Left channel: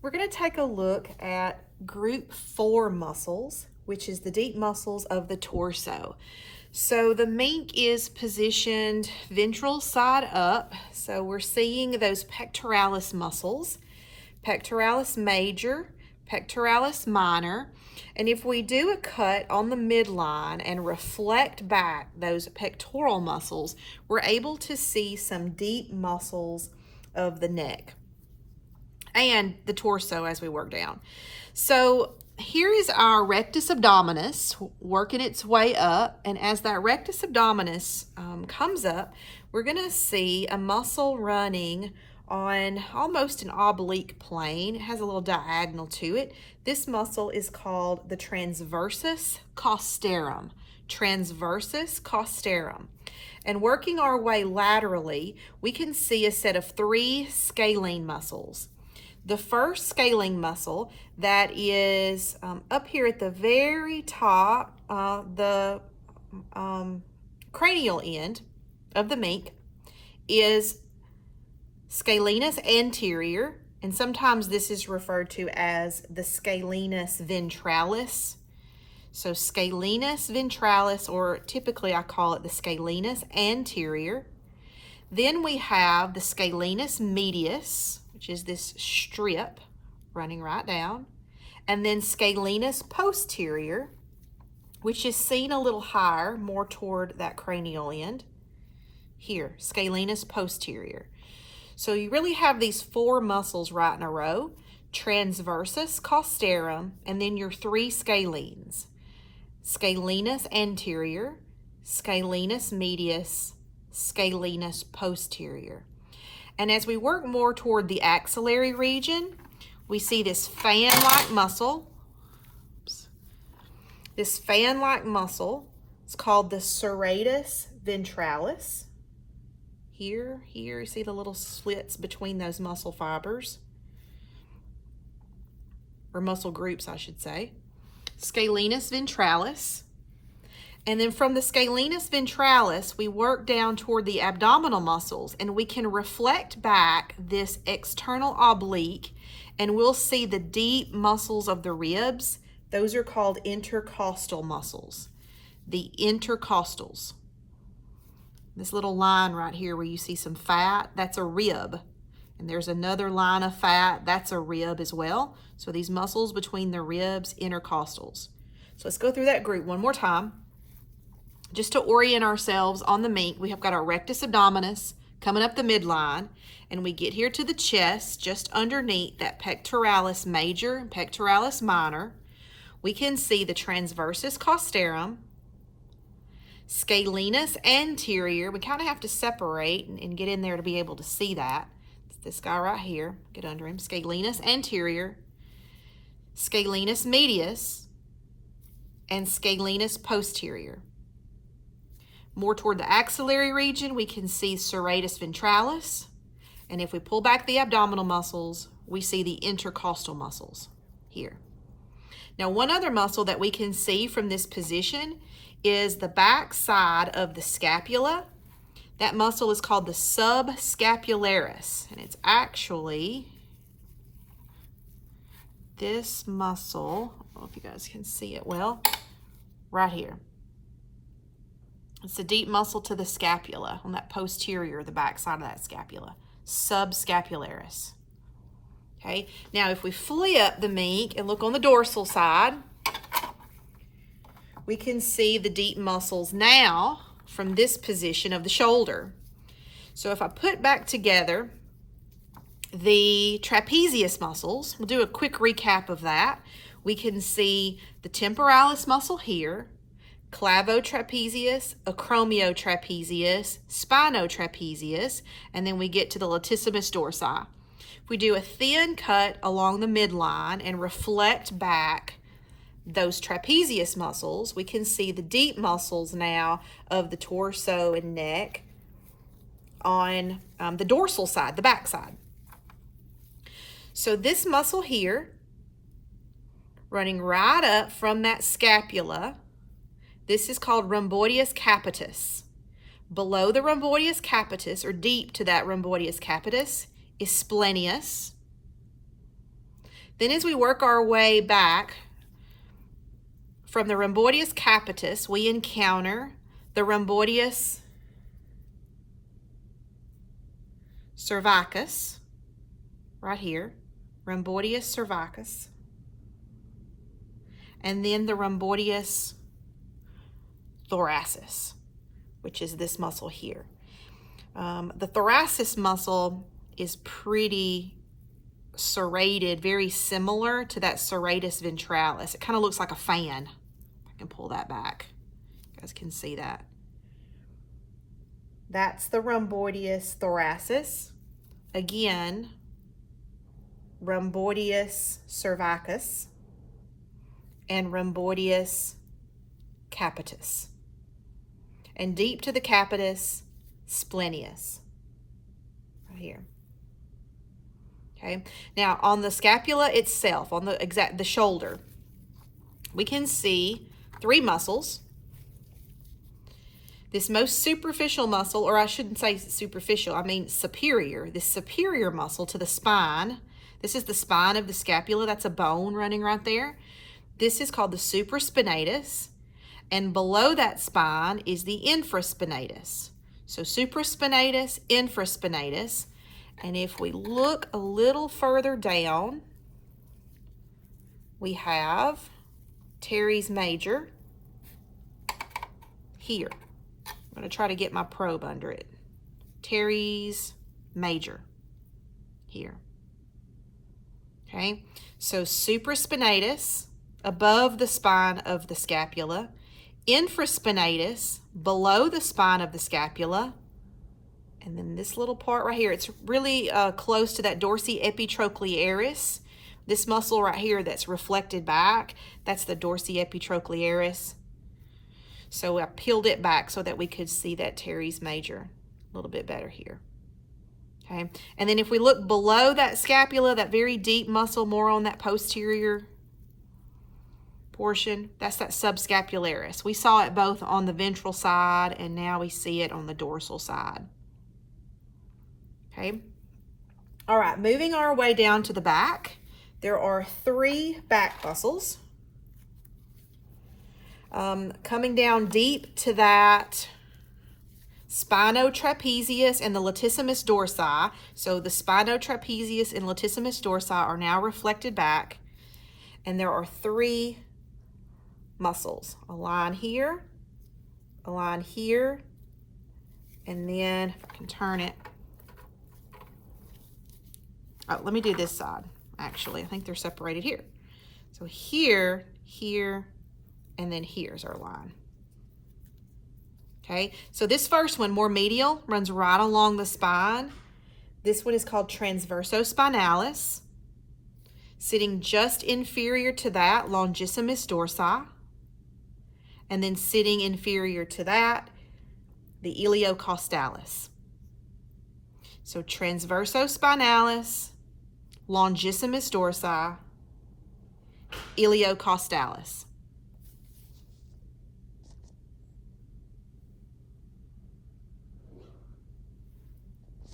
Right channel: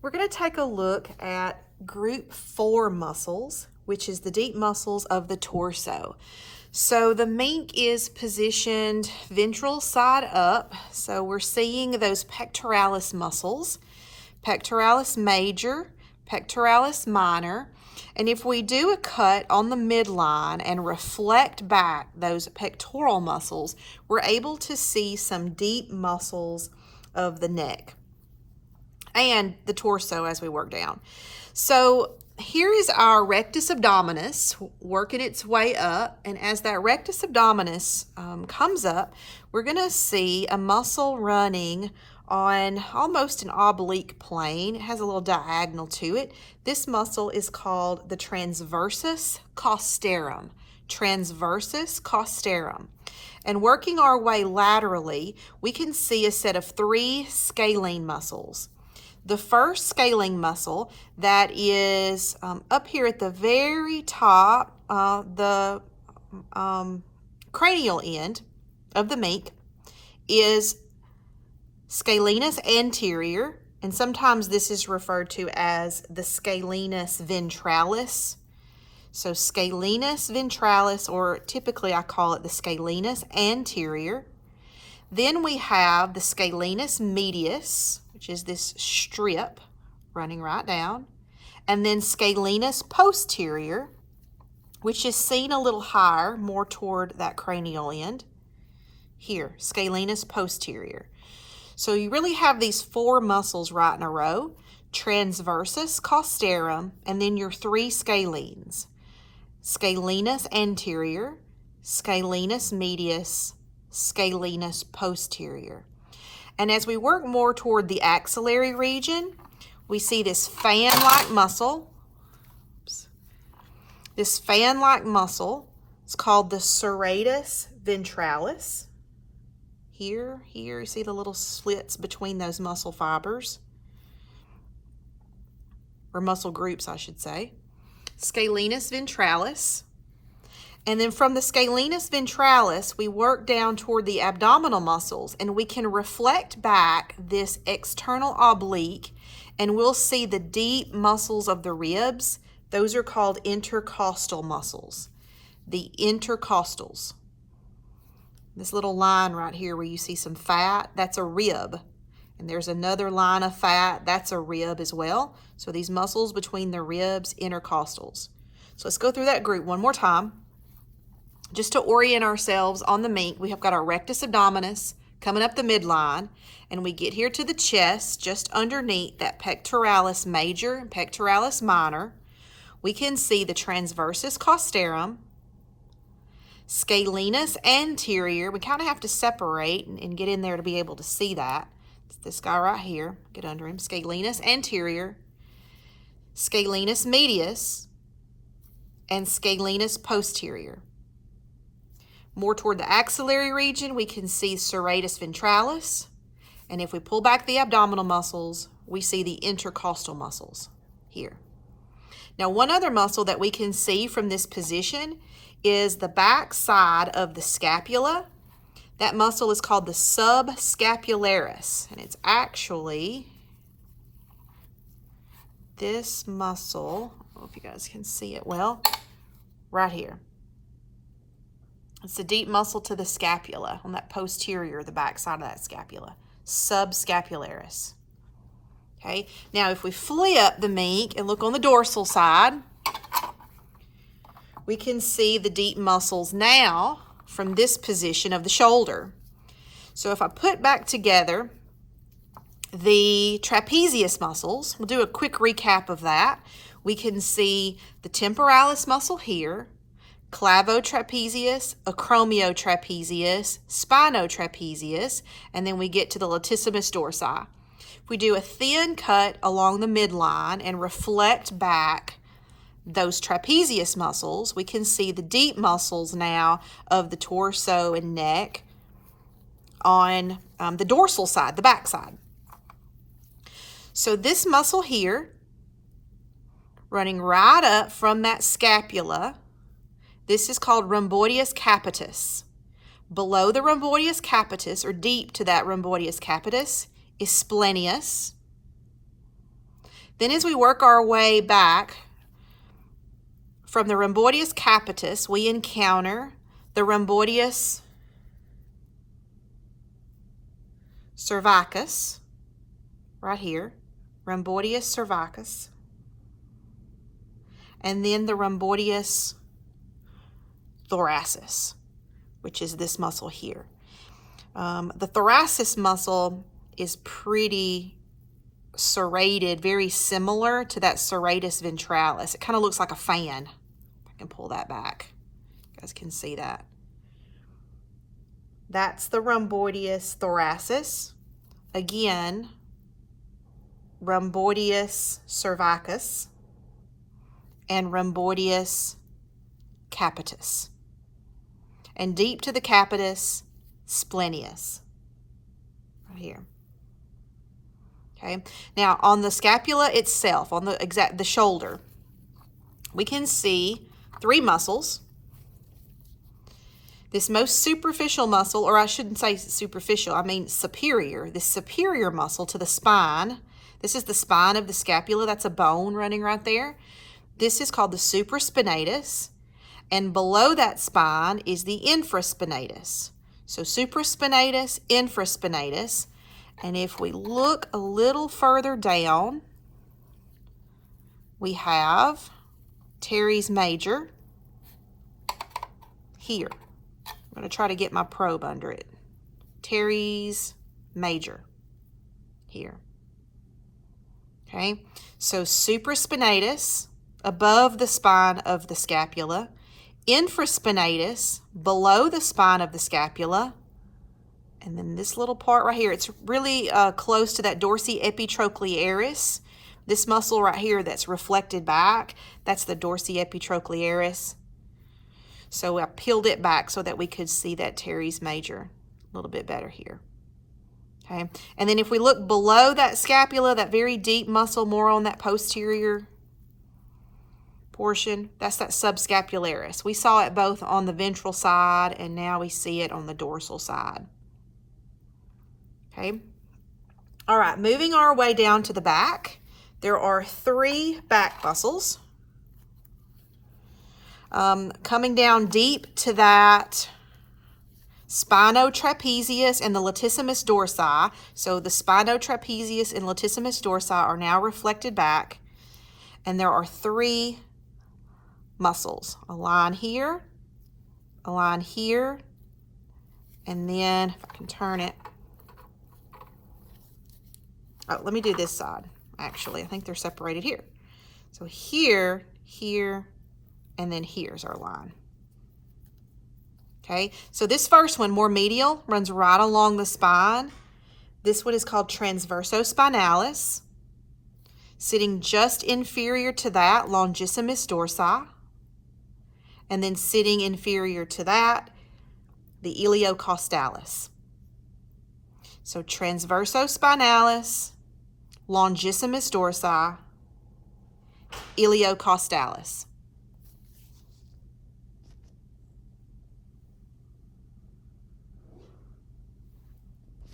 We're going to take a look at group 4 muscles, which is the deep muscles of the torso. So the mink is positioned ventral side up, so we're seeing those pectoralis muscles, pectoralis major, pectoralis minor, and if we do a cut on the midline and reflect back those pectoral muscles, we're able to see some deep muscles of the neck and the torso as we work down. So here is our rectus abdominis working its way up, and as that rectus abdominis comes up, we're going to see a muscle running on almost an oblique plane. It has a little diagonal to it. This muscle is called the transversus costarum. Transversus costarum. And working our way laterally, we can see a set of 3 scalene muscles. The first scalene muscle that is up here at the very top, the cranial end of the mink, is Scalenus anterior, and sometimes this is referred to as the Scalenus ventralis. So Scalenus ventralis, or typically I call it the Scalenus anterior. Then we have the Scalenus medius, which is this strip running right down, and then Scalenus posterior, which is seen a little higher, more toward that cranial end. Here, Scalenus posterior. So you really have these 4 muscles right in a row, transversus costarum, and then your 3 scalenes. Scalenus anterior, Scalenus medius, Scalenus posterior. And as we work more toward the axillary region, we see this fan-like muscle. This fan-like muscle is called the Serratus Ventralis. Here, you see the little slits between those muscle fibers, or muscle groups, I should say. Scalenus ventralis. And then from the Scalenus ventralis, we work down toward the abdominal muscles, and we can reflect back this external oblique, and we'll see the deep muscles of the ribs. Those are called intercostal muscles. The intercostals. This little line right here where you see some fat, that's a rib. And there's another line of fat, that's a rib as well. So these muscles between the ribs, intercostals. So let's go through that group one more time. Just to orient ourselves on the mink, we have got our rectus abdominis coming up the midline, and we get here to the chest, just underneath that pectoralis major and pectoralis minor. We can see the transversus costarum, Scalenus anterior. We kind of have to separate and get in there to be able to see that. It's this guy right here. Get under him. Scalenus anterior, Scalenus medius, and Scalenus posterior. More toward the axillary region, we can see Serratus ventralis. And if we pull back the abdominal muscles, we see the intercostal muscles here. Now, one other muscle that we can see from this position is the back side of the scapula. That muscle is called the Subscapularis, and it's actually this muscle. I don't know if you guys can see it well, right here. It's the deep muscle to the scapula on that posterior, the back side of that scapula. Subscapularis. Okay, now if we flip the mink and look on the dorsal side, we can see the deep muscles now from this position of the shoulder. So if I put back together the trapezius muscles, we'll do a quick recap of that. We can see the temporalis muscle here, clavotrapezius, acromiotrapezius, spinotrapezius, and then we get to the latissimus dorsi. If we do a thin cut along the midline and reflect back those trapezius muscles, we can see the deep muscles now of the torso and neck on the dorsal side, the back side. So this muscle here, running right up from that scapula, this is called rhomboideus capitis. Below the rhomboideus capitis, or deep to that rhomboideus capitis, is splenius. Then as we work our way back from the rhomboideus capitis, we encounter the rhomboideus cervicus, right here, rhomboideus cervicus, and then the rhomboideus thoracis, which is this muscle here. The thoracis muscle is pretty serrated, very similar to that serratus ventralis. It kind of looks like a fan. I can pull that back. You guys can see that. That's the rhomboideus thoracis. Again, rhomboideus cervicus and rhomboideus capitis. And deep to the capitis, splenius, right here. Okay, now on the scapula itself, on the shoulder, we can see three muscles. This most superficial muscle, or I shouldn't say superficial, I mean superior, this superior muscle to the spine. This is the spine of the scapula. That's a bone running right there. This is called the supraspinatus, and below that spine is the infraspinatus. So supraspinatus, infraspinatus, and if we look a little further down, we have teres major here. I'm going to try to get my probe under it. Teres major here. Okay, so supraspinatus above the spine of the scapula, infraspinatus below the spine of the scapula, and then this little part right here, it's really close to that dorsioepitrochlearis. This muscle right here that's reflected back, that's the dorsioepitrochlearis. So I peeled it back so that we could see that teres major a little bit better here. Okay, and then if we look below that scapula, that very deep muscle, more on that posterior portion, that's that subscapularis. We saw it both on the ventral side, and now we see it on the dorsal side. Okay, all right, moving our way down to the back, there are three back muscles. Coming down deep to that spinotrapezius and the latissimus dorsi. So the spinotrapezius and latissimus dorsi are now reflected back, and there are three muscles. A line here, a line here, and then if I can turn it. Oh, let me do this side. Actually, I think they're separated here. So here, here, and then here's our line. Okay, so this first one, more medial, runs right along the spine. This one is called Transverso Spinalis. Sitting just inferior to that, longissimus dorsi. And then sitting inferior to that, the iliocostalis. So Transverso Spinalis, longissimus dorsi, iliocostalis.